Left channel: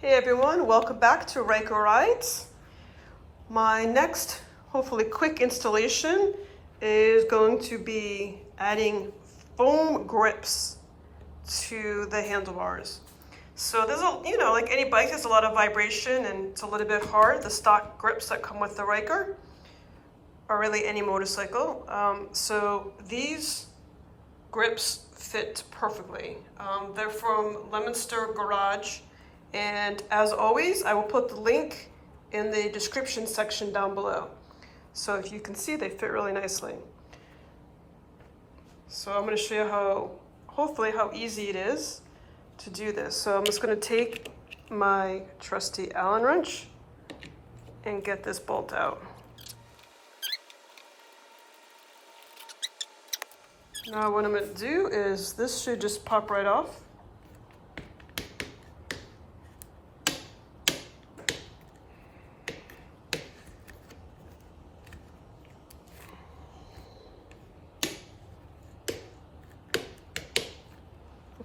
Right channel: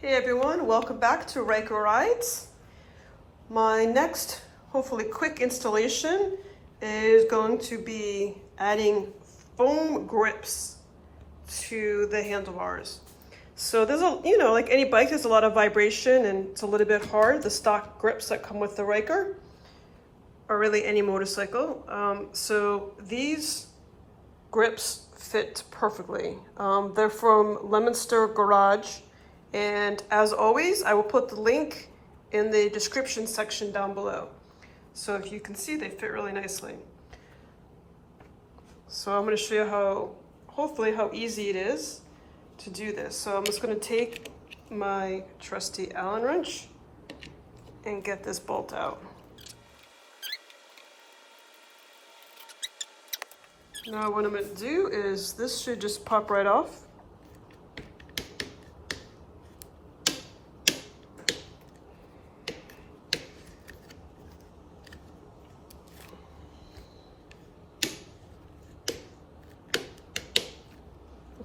Hey everyone, welcome back to Ryker Rydes. My next, hopefully quick installation is going to be adding foam grips to the handlebars. So there's like any bike, there's a lot of vibration and it's a little bit hard. The stock grips that come with the Ryker, or really any motorcycle. So these grips fit perfectly. They're from Lemonster Garage. And as always, I will put the link in the description section down below. So if you can see, they fit really nicely. So I'm going to show you hopefully how easy it is to do this. So I'm just going to take my trusty Allen wrench and get this bolt out. Now what I'm going to do is, this should just pop right off.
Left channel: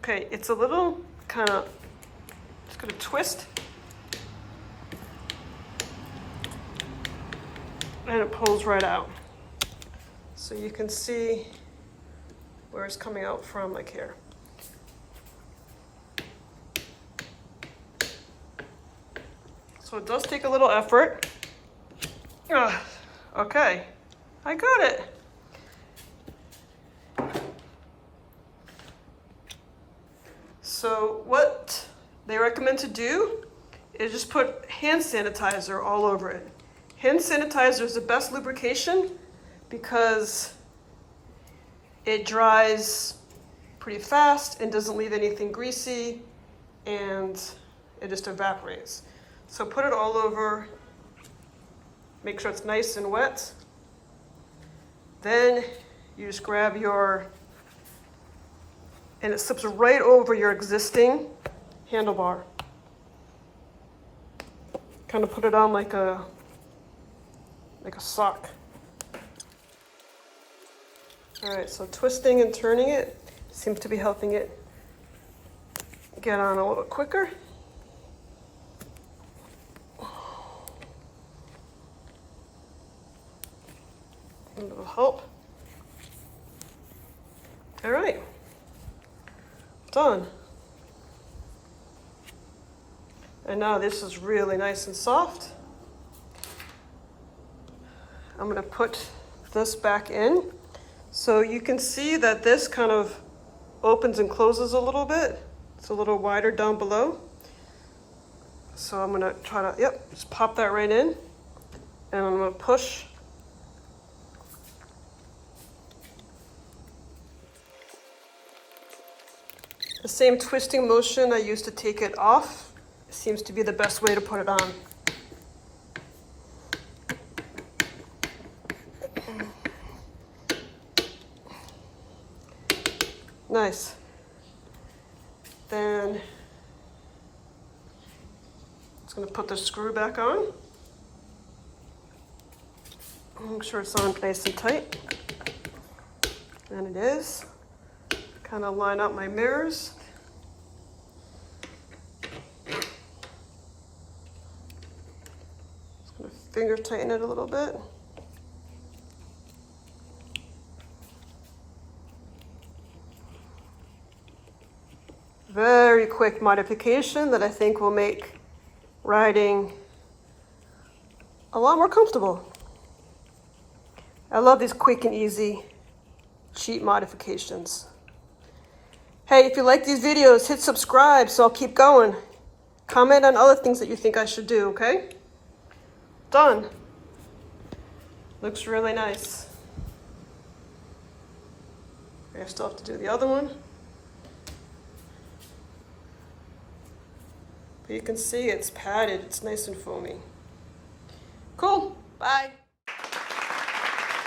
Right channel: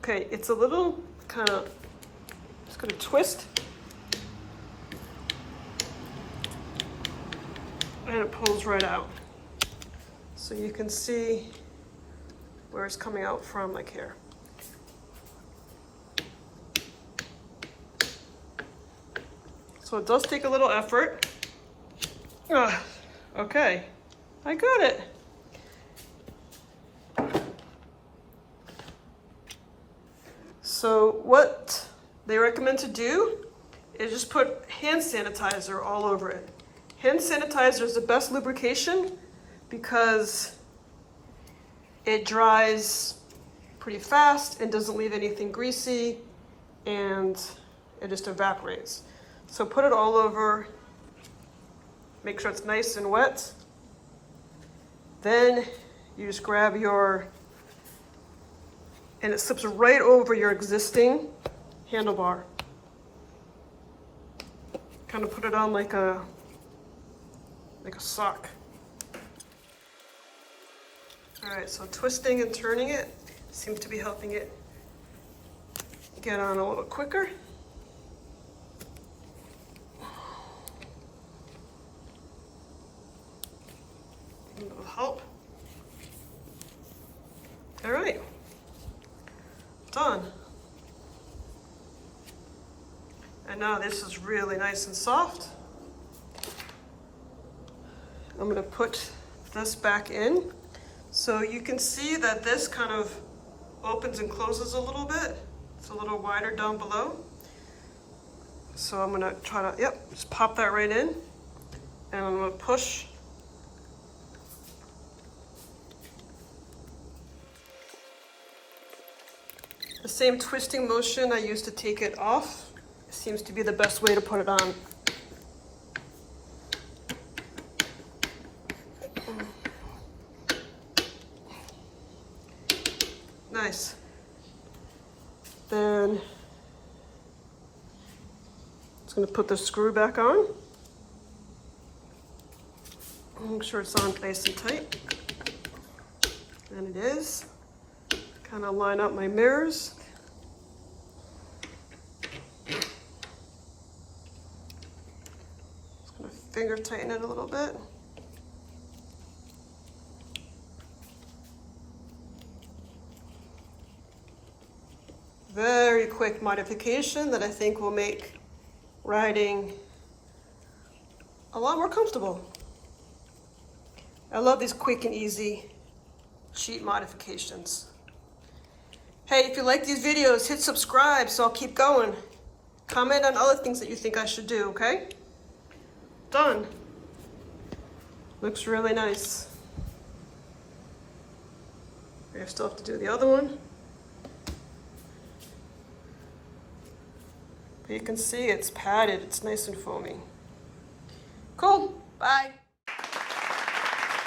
Okay, it's a little just gonna twist. And it pulls right out. So you can see where it's coming out from, like here. So it does take a little effort. Okay, I got it. So what they recommend to do is just put hand sanitizer all over it. Hand sanitizer is the best lubrication because it dries pretty fast and doesn't leave anything greasy, and it just evaporates. So put it all over, make sure it's nice and wet. Then you just grab and it slips right over your existing handlebar. Kind of put it on like a sock. All right, so twisting and turning it seems to be helping it get on a little quicker. A little help. All right. Done. And now this is really nice and soft. I'm going to put this back in. So you can see that this kind of opens and closes a little bit. It's a little wider down below. So I'm going to try to, just pop that right in. And I'm going to push. The same twisting motion I used to take it off seems to be the best way to put it on. Nice. Then just going to put the screw back on. Make sure it's on nice and tight. And it is. Kind of line up my mirrors. Just going to finger tighten it a little bit. Very quick modification that I think will make riding a lot more comfortable. I love these quick and easy, cheap modifications. Hey, if you like these videos, hit subscribe so I'll keep going. Comment on other things that you think I should do, okay? Done. Looks really nice. I still have to do the other one. But you can see it's padded, it's nice and foamy. Cool, bye.